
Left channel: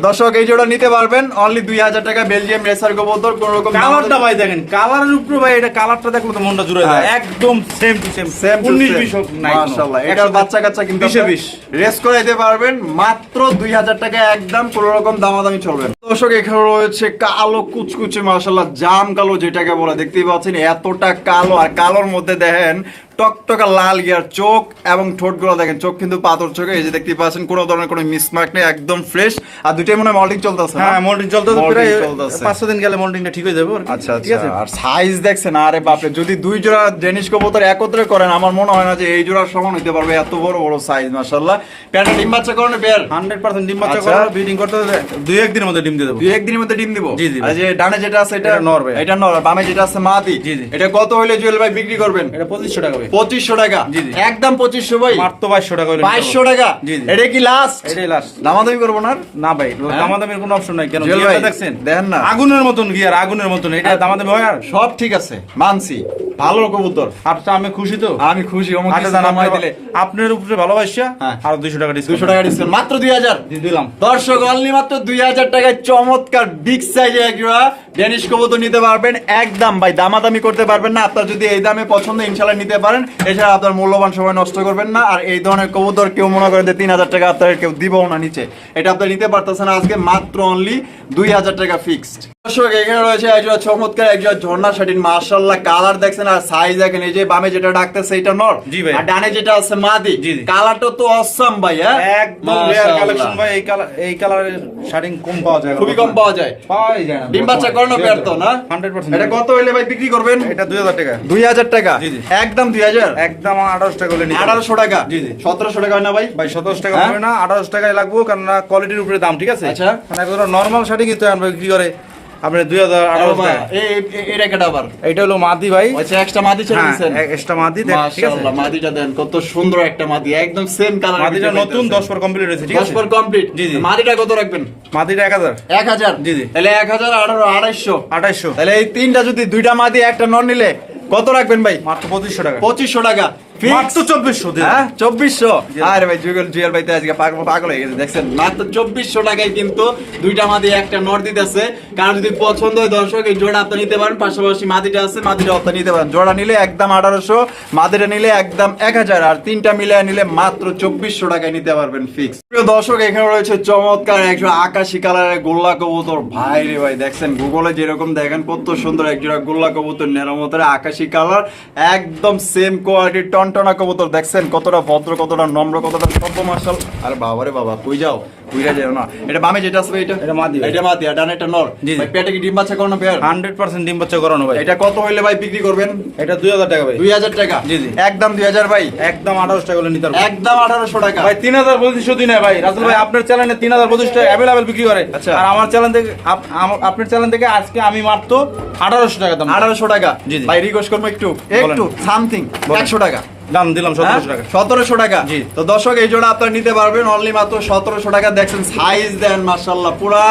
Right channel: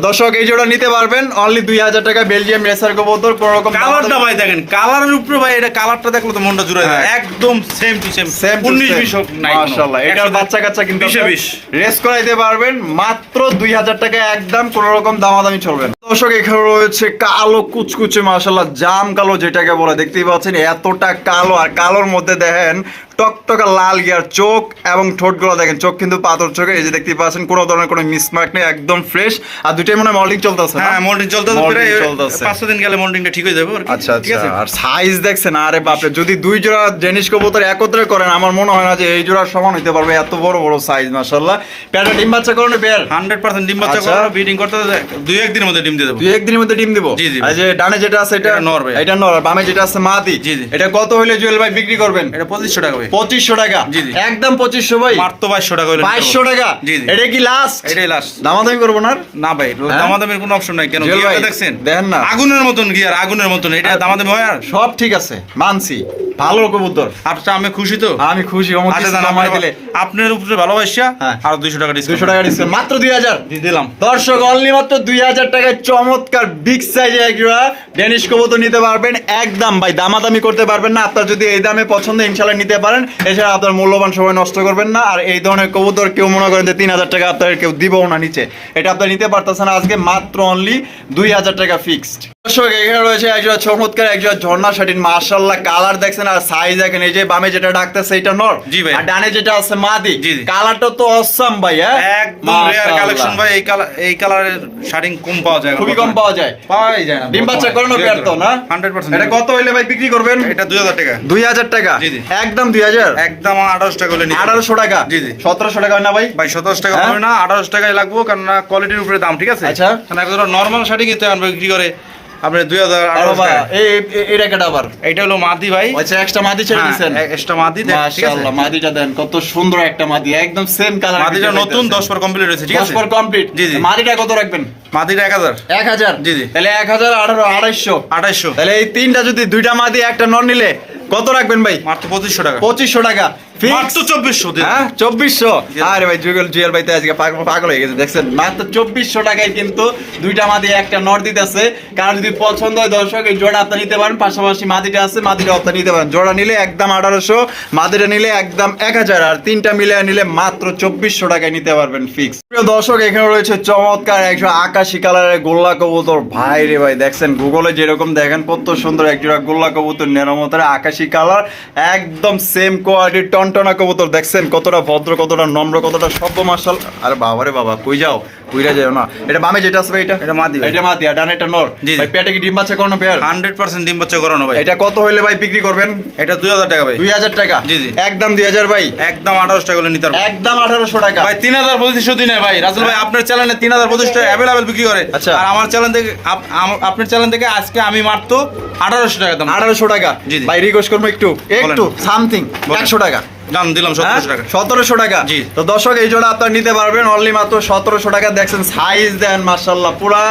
দর্শক এই জোড়া নিতে পারবেন। অনলি দুই হাজার টাকা বেলজিয়াম রেসার কবুতর কোন রকম কালারটা ভাই দেখেন কালারের উপরে ভাই এটা কালারটা দেখলে তো মনটা জুড়ে যায়। হ্যাঁ। একদম সেম টু সেম সেম উনিশ বিশ হোক নাই মাশাআল্লাহ এটা বাচ্চা কাচ্চা কিন্তু বিশে বিশ। রেস করে দিতে পারবেন। মাত্র দুই হাজার টাকা একদম কোন রকম দামাদামি চলবে দর্শক এখানে রয়েছে কালো কুচকুচে মাশাআল্লাহ জাম কালো যেটাকে বলে দেখতেই পাচ্ছেন এতটা কালো আর কালোর মধ্যে দেখেন টকটকা লাল গিয়ার চোখ এবং ঠোঁটগুলো দেখেন চোখ কিন্তু পাথর চোখে এই যে দেখতে পাচ্ছেন কোনো ধরনের কোনো মিসমার্ক নেই একদম ফ্রেশ আর দুইটাই মনে হয় মল্টিং চলতেছে হ্যাঁ মোল্ডিং চলতে তো প্রায় চলতেছে। পাঁচ দিন গেলে মোল্ডিংটা ঠিক হয়ে যাবে আর আচ্ছা ঠিক আচ্ছা আছে? আর সাইজ দেখছেন আরে বাপরে যদি দুই জোড়া জেনিস কবুতর একত্রে করেন আমার মনে হয় না যে এই জোড়া সমান হতে পারবে এত বড় বড় সাইজ মাশাআল্লাহ। প্যারা ডিম বাচ্চা করুন পেয়ার হান্ড্রেড পার্সেন্ট ডিম বাচ্চা আচ্ছা। করব ব্রিডিং করতে হলে দুই একদিনের মধ্যে ডিম দিয়ে দেবো। দুই একদিনের মধ্যে ডিম দিব? জি, জি, আর যে ডানে যেটা আছে এটা নর ভাই। এটা নর বামে যেটা আছে মাদি জি, জি। এটা কত হইলে জুয়েল ভাই বিক্রি করবেন? এটা পঁচিশশো টাকা টাকা। একদম ভাই। মাত্র বাইশশো টাকা হলে নিতে টাকা। জি, জি। এটা কি লাস্ট এটাই লাস্ট দামাদামি করব না না ভাই হ্যাঁ? দামাদামির কোনো অপশন নাই। কেন? গিয়ারটা দেখছেন? দেখেন না। আগুনের মতন গিয়ার আগুনের মতন। এটা দামাদামি হয় আর? সব ঠিক আছে। মানছি। ভালো কবুতর। আচ্ছা আমি খুশি তো? আমি খুশি। আচ্ছা জান আপনার উপরে ভালোবাসা হ্যাঁ। আর দুইশো টাকা ডিসকাউন্ট দুশো টাকা ডিসকাউন্ট মাত্র দুই হাজার। দিয়ে দিলাম। দর্শক অনলি মাত্র দুই হাজার টাকায় চমৎকার বিগ সাইজে ডেনিশ কবুতর নিতে পারবেন। একদম ভাই দামাদামি করতে পারবেন না। আপনার যদি এই দামে পছন্দ ইনশাল্লাহ নিতে পারেন। এছাড়া আপনার মূল্যবান সময় নষ্ট করবেন না। আর এই ধরনের কবুতর কেউ মনে করেন যে তিন হাজার টাকা আপনার কেউ দিবও না নিচে। এটা আপনি নিতে পারতেছেন আজকে মাত্র অনলি দুই হাজার টাকা ফিক্সড দর্শক এখানে রয়েছে একজোড়া চমৎকার একজোড়া ঝর্ণা শাটিন মার্শাল্লাহ কালার দেখছেন আর সাইজ দেখেন। এই যে বামে যেটা ডাকতেছে এটা নর। জি ভাই। আর ডানে যেটা আছে মাদি। কালারটা তো অসাম ভাই হ্যাঁ? একদম রেয়ার কালেকশন ভাই। এই কালার এই কালারের শাড়িং কম পাওয়া যায় খুবই কম পাওয়া যায়। পাওয়াই যায় না ডিম বাচ্চা করানো পেয়ার তো না? হান্ড্রেড পার্সেন্ট এটা কত হইলে ভাই বিক্রি করবেন? এটা দুই হাজার টাকা। দুই হাজার টাকা? জি, জি। একদম দুই হাজার? একদম আঠারোশো টাকা হলে আঠারোশো টাকা? জি, জি। সতেরোশো টাকা না ভাই? ভাই সতেরোশো টাকা হ্যাঁ? হবে না আঠারোশো টাকায় লাগবো কারণ কোয়ালিটির উপরে দাম ঠিক আছে? আচ্ছা। নর্মাল শাড়ি কিনতে আমরা বিক্রি করে? আপনি দুই হাজার আরে আঠারোশো বাবা, টাকা। এই এই- এই- এটা কেটা আবার। এইটা হলো মাদি ভাই। আচ্ছা এক্সট্রা মাদি ছেড়ে দিছেন। এক্সট্রা মাদি দেখ, ঠিক আছে? মাশাআল্লাহ মাদিটা দেন কত সুন্দর একটা মাদি একদম সেম কালার মাদিটা নতুন দশ পর কমপ্লিট হয়েছে ঠিক আছে? পর কমপ্লিট জি, জি। মাদিটা কত রাখবেন? মাদিটা এক হাজার। এক হাজার? জি, জি। তাহলে এক হাজার আঠারো আড়াইশো। আঠাইশশো তাহলে এই তিনটা যদি দুইটা মাদি একটা নন নিলে কত রাখবেন ভাই মাত্র পঁচিশশো টাকা পঁচিশশো টাকা? মাত্র চব্বিশশো হ্যাঁ চব্বিশশো। জি। আরে ভাই জুয়েল জুয়েল ভাই তো আজকে পাগল পাগল হয়ে গেছে দেখছেন? মাত্র চব্বিশশো টাকায় কিন্তু দুইটা মাদি একটা নট দিতেছে। কারণ যদি পছন্দ হয় দর্শক এই জোড়া আপনি নিতে পারেন। পাশাপাশি মাদিটা আছে মাদিটা আপনি নিতে পারেন। জোড়া নিলে একদম আঠারোশো মাদিটা নিলে একদম এক হাজার। আর তিনটা মিলে নিলে মাত্র চব্বিশশো টাকায় নিতে পারবেন ফিক্স দর্শক এখানে রয়েছে চমৎকার একশো আকাশি কালারের গোল্লা কবুতর। ভাই রে ভাই দেখছেন? গুগলে যেরকম দেখেন কত সুন্দর একজোড়া গোল্লা কবুতর নেরামতের আকাশি কালার একদম সেম কোয়ালিটির টনটনা কবুতর দেখছেন কতটা ভদ্র কতটা নম্র কতটা সভ্য মার্শাল আরে বাবা রে বাবা কই যাও? কইরা যাও না। এটা বামে যেটা আছে এটা? এটা মাদি এটা মাদি আর ডানে এটা নর। জি। পেটে কি ডিম বাচ্চা করানো পেয়ার? হান্ড্রেড পার্সেন্ট ডিম বাচ্চা করানো ভাই। এটা কত হইলে ভাই বিক্রি করবেন? এটা দুই হাজার টাকা ভাই। দুই হাজার টাকা? জি, জি। একদম দুই হাজার ভাই। একদম আঠারোশো টাকা হলে নিতে পারব। একদম আঠারোশো টাকা। ভাই তিন হাজার পঁচিশশো দিনে ভাই। রাসেল ভাই আপনার চ্যানেলে তিন হাজার পঁচিশটা অ্যাভেলেবেল বিক্রি করে। আচ্ছা। আর আমার চ্যানেল থেকে আপনার চ্যানেল থেকে আজকে আমি মাত্র আঠারোশো টাকা দাম। আঠারোশো টাকা। জি। ভাই রিকোয়েস্ট করব একটু। একটু সামথিং বলেন। একশো টাকা। দাম দিলাম সতেরোশো টাকা। সতেরোশো টাকা? জি। তো দর্শক এই জোড়া আপনার নিতে পারবেন। অনলি মাত্র সতেরোশো টাকা। দেখছেন সাইজ দেন মার্শাল্লাহ পুরা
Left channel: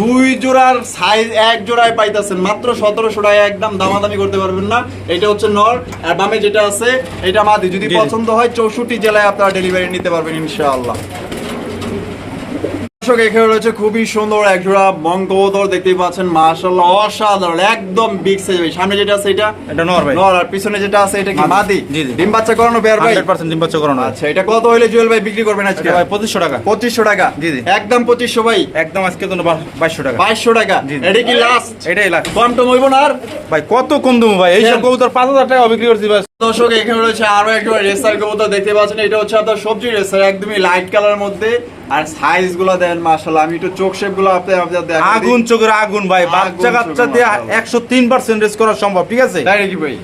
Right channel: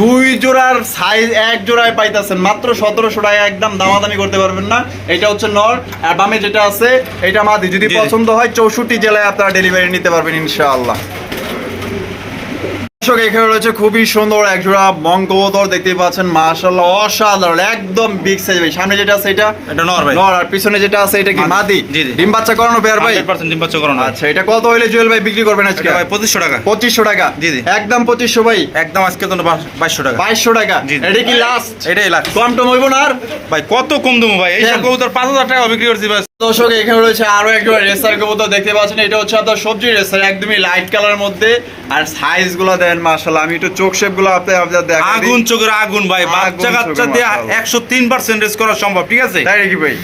দুই জোড়ার সাইজ এক জোড়ায় পাইতেছেন। মাত্র সতেরোশো টাকা একদম দামাদামি করতে পারবেন না। এটা হচ্ছে নর আর বামে যেটা আছে এটা মাদি। যদি। পছন্দ হয় চৌষট্টি জেলায় আপনারা ডেলিভারি নিতে পারবেন ইনশাআল্লাহ। দর্শক এখানে রয়েছে খুবই সুন্দর এক জোড়া দেখতে পাচ্ছেন মাশাআল্লাহ অসাধারণ একদম বিগ সাইজ ভাই। সামনে যেটা আছে এটা? এটা নর ভাই। নর আর পিছনে যেটা আছে এটা কি? মাদি। ডিম বাচ্চা করানো বের ভাই? হান্ড্রেড পার্সেন্ট ডিম বাচ্চা করানো। আচ্ছা এটা কত হইলে জুয়েল ভাই বিক্রি করবেন আজকে? ভাই পঁচিশশো টাকা। পঁচিশশো টাকা? জি, জি। একদম পঁচিশশো ভাই? একদম আজকে তো বাইশশো টাকা। বাইশশো টাকা? জি, জি। এটা কি লাস্ট এটাই লাখ কম টম হইব না আর? ভাই কত কম দেবো ভাই? এইসব দেন। কবুতর পাঁচ হাজার টাকা বিক্রি করছি ভাই দর্শক এখানে রয়েছে আরও একটা রেসার কবুতর দেখতে পাচ্ছেন। এটা হচ্ছে আপনার সবজি রেসার একদমই লাইট কালারের মধ্যে। আর সাইজগুলো দেন মাশাআল্লাহ আমি একটু চোখ শেপগুলো আপনি আগুন চোখের আগুন ভাই। বাচ্চা কাচ্চা দিয়ে একশো তিন পার্সেন্টেজ করা সম্ভব ঠিক আছে? তাই নাকি ভাই?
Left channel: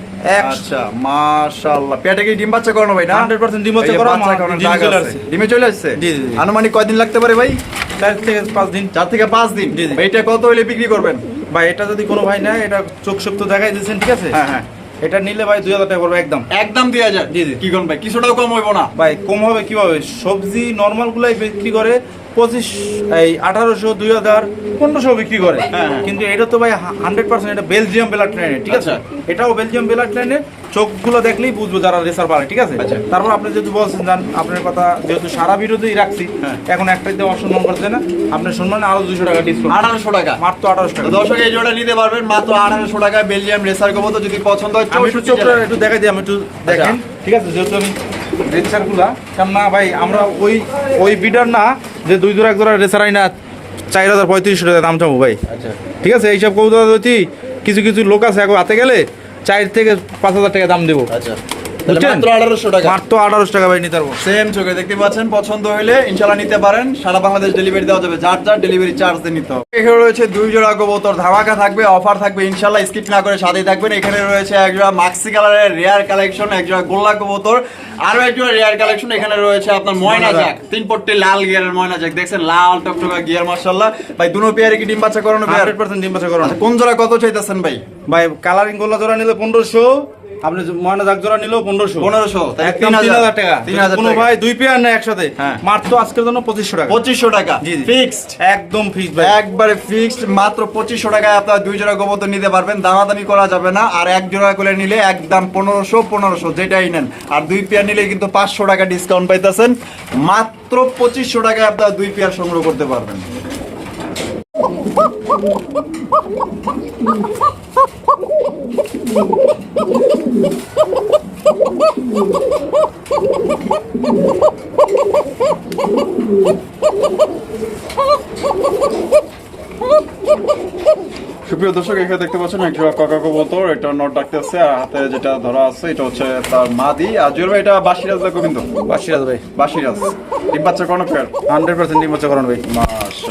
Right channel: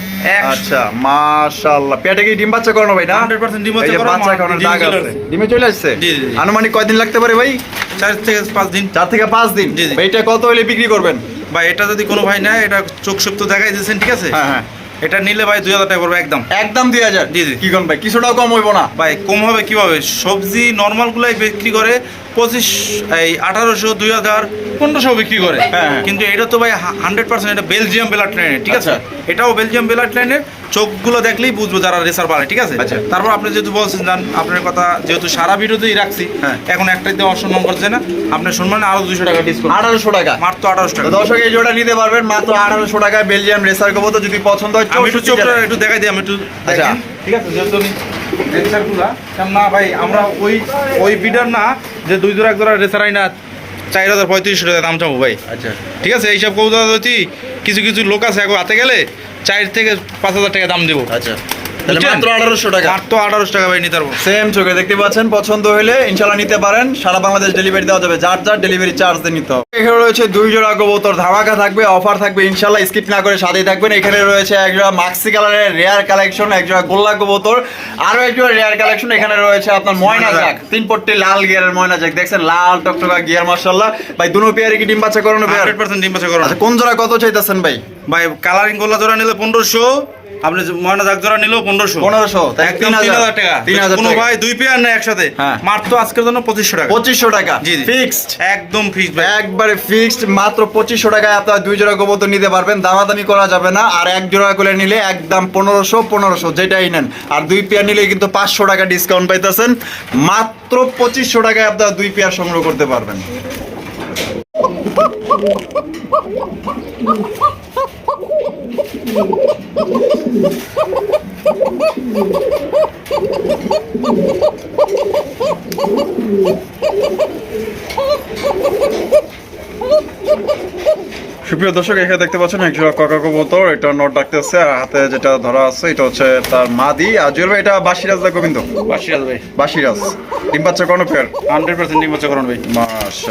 আচ্ছা মাশাআল্লাহ। পেটে কি ডিম বাচ্চা করানো ভাই না? 100% ডিম বাচ্চা করানো, বাচ্চা করানোর ডিম দাগ চলে আছে। ডিমে চলে আসছে। আনুমানিক কয়দিন লাগতে পারে ভাই? চার থেকে পাঁচ দিন। চার থেকে পাঁচ দিন। এটা কত হইলে বিক্রি করবেন? ভাই এটা যদি কোনো ভাই নেয় এটা চোখ সুপ তো দেখাই দিয়েছেন ঠিক আছে? হ্যাঁ হ্যাঁ। এটা নিলে ভাই দুই হাজার টাকা পড়বে একদম। একদম দুই হাজার? জি, জি। কি কম ভাই? কিছুটাও কম হইব না? ভাই কম হবে কীভাবে? সবজি নর্মাল গুলাই বিক্রি করে পঁচিশ এই আঠারোশো দুই হাজার পনেরোশো বিক্রি করে। হ্যাঁ। কিন্তু এটা তো ভাই হান্ড্রেড পার্সেন্ট এটা বেলজিয়াম বেলার ট্রেনের ঠিক আছে? এটাও বেলজিয়াম বেলার ট্রেনের চোখগুলো দেখলেই বুঝব যারা রেসার পারে ঠিক আছে? আচ্ছা। তারপর আপনি যেহেতু বলছেন জান আপনার কথা যেহেতু সারা ভিডিওতেই রাখছি হ্যাঁ। এখন একটাই দিয়ে অসম্মান করছে না আপনার সম্মানে আরও দুশো টাকা ডিসকাউন্ট আঠারোশো টাকা। মাত্র আঠারোশো টাকা। তো দর্শক এই জোড়া নিতে পারবেন মাত্র আঠারোশো টাকায় বেলজিয়াম রেসার কবুতর যদি পছন্দ হয় আমি একটু চোখটা একটু দেখাই দিই আমি একটু দেখেন ঠিক আছে? যেহেতু রেসারগুলা না ভাই আমরা ওই ওই বিডার না যে দুই দূর এক দূর রেসার আই না চার হাজার পঁয়ত্রিশশো টাকা দাম চাবো ভাই। আচ্ছা। ঠিক আছে? এইসব কবুতর কিছু কিছু লোক আছে এখন হাতে গেলে চার থেকে পাঁচ হাজার টাকা দাম দেবো আচ্ছা? মাত্র আঠারোশো টাকা। মাত্র আঠারোশো টাকা ভাই নিতে পারব। সেম চোখে দেখতে পাচ্ছেন পছন্দ হলে ইনশাল্লাহ নিতে পারেন। সারা বাংলাদেশ ডেলিভারি দেওয়া যাবে। যার যার ডেলিভারি চার্জ দিয়ে নিতে হবে। এখানে রয়েছে দুই জোড়া কবুতর ধামাকা থাকবে অফার থাকবে ইনশাল্লাহ স্কিপ না করে সাথেই থাকবেন। এখানে রয়েছে এক মাক্সি কালারের রেয়ার কালেকশন এক গোল্লা কবুতর আরও এক রেয়ার কালেকশন এখানে রয়েছে আপনার ময়না জাক তিন পট্টি লাল গিয়ারের ময়না জাক দেখছেন লাল টকটকা গিয়ার মার্শাল্লাহ ভাই দুনো পেয়ারে কি ডিম বাচ্চা করানো হান্ড্রেড পার্সেন্ট ডিম বাচ্চা করো আচ্ছা কোন জোড়া কত চাইতেছেন ভাই? ভাই কালারিং গোল্লা জোড়া নিলে পনেরোশো। আপনি যে ময়না দাগ জোড়া নিলেও পনেরোশো। পনেরোশো একদম তিন হাজার টাকা। তিন হাজার কোনো ভাই দুই পেয়ার না একসাথে। হ্যাঁ। মাত্র আজকের জন্য পঁচিশশো টাকা। পঁচিশশো টাকা। ফিক্সড। একদম ফিক্স ভাই। একবারে ফিক্সড মাত্র পঁচিশশো টাকায় আপনারা দুই জোড়া কবুতর নিতে পারবেন। দামাদামি করা যাবে না। আর এক জোড়া করে নিলে একদম পনেরোশো পনেরোশো যেটাই নেন। আর দুই পেয়ার নিলে কিন্তু পাঁচশো টাকা ডিসকাউন্ট পাইতেছেন। মাত্র পঁচিশশো টাকায় আপনারা দুই পেয়ার সংগ্রহ করতে পারবেন। Ha ha ha ha! সুপ্রিয় দর্শক এখানে দেখতে পাচ্ছেন এক জোড়া কাকা কবুতর। এটা নট ডাকতেছে আর হাতে যেটা ধরা আছে এটা হচ্ছে তার মাদি। আর জুয়েল ভাই এটা বাসিরাজ দা গোবিন্দ বাসিরাজ ভাই। বাসিরাজ। ডিম বাচ্চা কোনো পেয়ার হান্ড্রেড পার্সেন্ট ডিম বাচ্চা ভাই।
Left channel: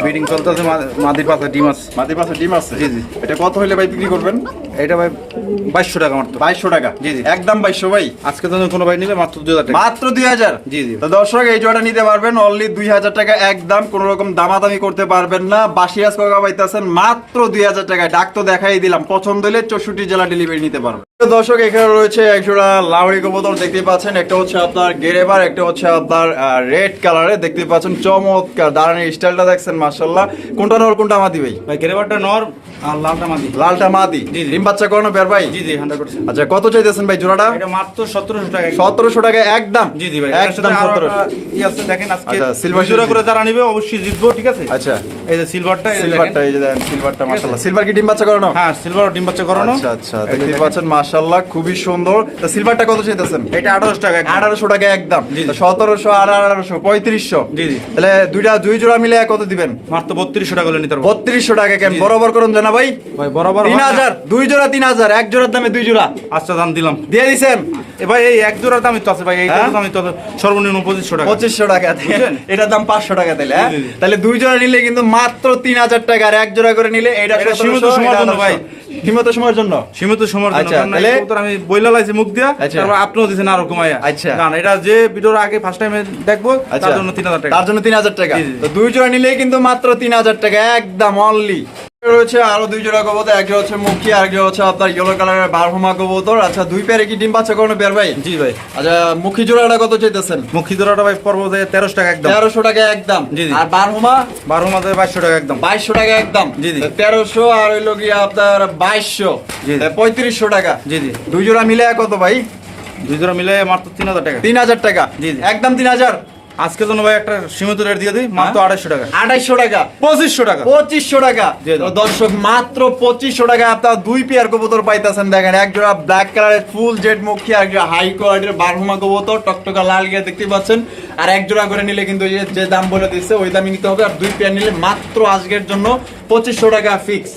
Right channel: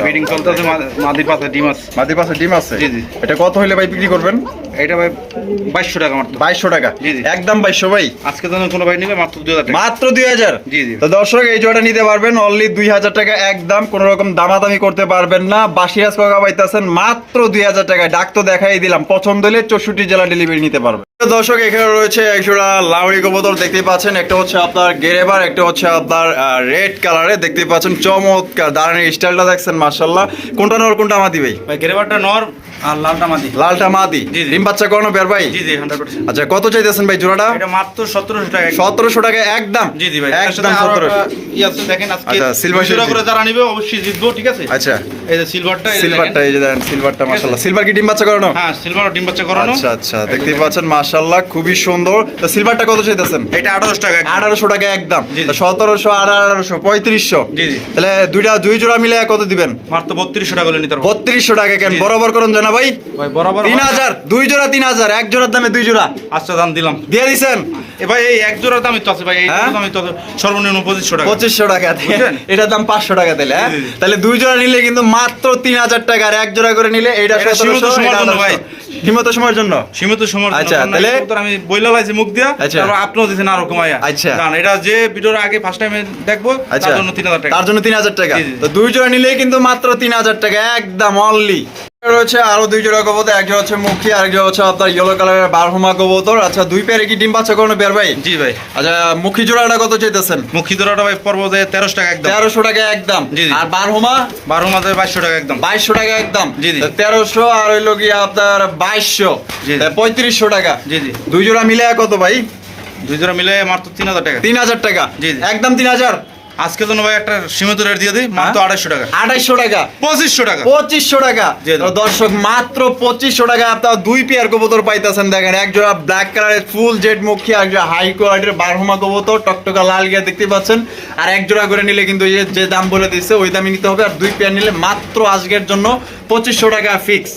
বিডিং চলতেছে মাদির পাশে ডিম আছে। মাদি পাশে ডিম আছে? জি, জি। এটা কত হলে ভাই বিক্রি করবেন? এটা ভাই বাইশশো টাকা মাত্র। বাইশশো টাকা? জি, জি। একদম বাইশশো ভাই। আজকে জন্য কোনো ভাই নিলে মাত্র দুই হাজার টাকা। মাত্র দুই হাজার? জি, জি। তো দর্শক এই জোড়া নিতে পারবেন অনলি দুই হাজার টাকা। একদম কোনো রকম দামাদামি করতে পারবেন না। বাসিরাজ পাইতেছেন মাত্র দুই হাজার টাকায় ডাক তো দেখাই দিলাম। পছন্দ হলে চৌষট্টি জেলা ডেলিভারি নিতে পারবেন দর্শক এখানে রয়েছে একজোড়া লাউড়ি কবুতর দেখতে পাচ্ছেন। একটা হচ্ছে আপনার গেরেবার একটা হচ্ছে আপনার রেড কালারে দেখতে পাচ্ছেন চমৎকার দাঁড়ানোর স্টাইলটা দেখছেন মার্শাল্লাহ কোনটা নর কোনটা মাদি ভাই? গেরেবারটা নর আর লালটা মাদি। লালটা মাদি। ডিম বাচ্চা করানো বের ভাই? জি জি আচ্ছা কত চাইতেছেন ভাই জোড়াটা? এটা মাত্র সতেরোশো টাকা। সতেরোশো টাকা একদম। জি জি ভাই একদম সতেরোশো। দেখেন আজকে আচ্ছা, দুশো করে যারা নিবে অবশ্যই জিতবো ঠিক আছে? আচ্ছা। এই যে সিলভারটা সিলভারটা এই যে দেন সিলভারটা মাশাআল্লাহ। সিলভার কি ডিম বাচ্চা করানো? হ্যাঁ সিলভার ডিম বাচ্চা করানো। আচ্ছা আচ্ছা দেখতেই পাচ্ছেন মাশাআল্লাহ খুবই সুন্দর। তো সিলভারটা কত চাইতেছেন? এটা আঠারোশো টাকা আঠারোশো টাকা একদম। সতেরোশো আর আঠারোশো পঁয়ত্রিশশো। তাহলে দুইটা দুই জোড়া মিলে কত দিবেন? মাত্র বত্রিশশো টাকা নিতে বত্রিশশো টাকা কেন? বরাবর করুন জানা ভাই। বরাবর তিন হাজার দুই জোড়া তিন হাজার এক জোড়ার দামে দুই জোড়া। আচ্ছা দাম দিলাম। দিয়ে দিছেন? এ ভাই এই এক জোড়ার দামই তো আছে ভাই এই হ্যাঁ? দামই তো সর্বনিম্ন পঁচিশশো টাকা। পঁচিশশো টাকা। এটার দাম পাঁচশো টাকা দিলে হ্যাঁ। তাহলে দুই জোড়া নিলে কিন্তু মাত্র তিন হাজার টাকা আর এক জোড়া করে নিলে এটা এটা সীমিত সময়ের জন্য ভাই। সীমিত সময়ের জন্য? সীমিত সময় আচ্ছা, তাহলে- আমি বইলা লাইছি মুখ দিয়া আচ্ছা। তারপর আপনিও দিছেন আরও কমাইয়া। আচ্ছা। জান এটা যে ভিডিওর আগে ফার্স্ট টাইমে দেখব আচ্ছা। তার জন্য তিন হাজার টাকা। তার জন্য তিন হাজার টাকা। জি, জি। তো দুই জোড়া নিলেই কিন্তু মাত্র তিন হাজার টাকা একদম অনলি রয়েছে আরও দুই জোড়া কবুতর এক জোড়া হচ্ছে মুখী আর এক হচ্ছে আপনার ইয়েলো কালারের বারহুমা কবুতর। আচ্ছা দুই পেয়ারে কি ডিম বাচ্চা কোনো পেয়ার ভাই? জি ভাই। আচ্ছা মুখী জোড়াটা কত চাইতেছেন? মুখী দোড়াটা ভাই পর্ব যায় তেরোশো টাকা একদম। তেরোশো টাকা একদম। জি। আর বারহুমা? বারো মাসে বাইশশো টাকা একদম। বাইশশো টাকা একদম। জি, জি। তেরোশো আর হইল কি আপনার বাইশশো। পঁয়ত্রিশশো টাকা। জি জি। দুই জোড়া মিলে কত ভাই? দুই জোড়া মিলে মাত্র তিন হাজার টাকা। তিন হাজার টাকা। জি। একদম তিন হাজার? আজকের জন্য ভাই একটা সীমিত রেট দিয়ে দিই মাত্র হ্যাঁ? আড়াইশো টাকা। আঠাইশশো টাকা। পঁচিশশো টাকা। পঁচিশশো টাকা। দর্শক মাত্র পঁচিশশো টাকা আপনার দুই পেয়ার কবুতর পাইতেছেন। দেখেন এক জোড়া ব্ল্যাক কালারের ফুল জেড মুখী এক জোড়া হাই কোয়ালিটির বারহুমা কবুতর টকটকা লাল গিয়া দেখতে পাচ্ছেন। আর এক জোড়া করে নিলে কিন্তু যে দাম বলে দিচ্ছে ওই দামই নিতে হবে। আর দুই পেয়ার নিলে মাত্র আজকের জন্য পঁচিশশো টাকা ফিক্স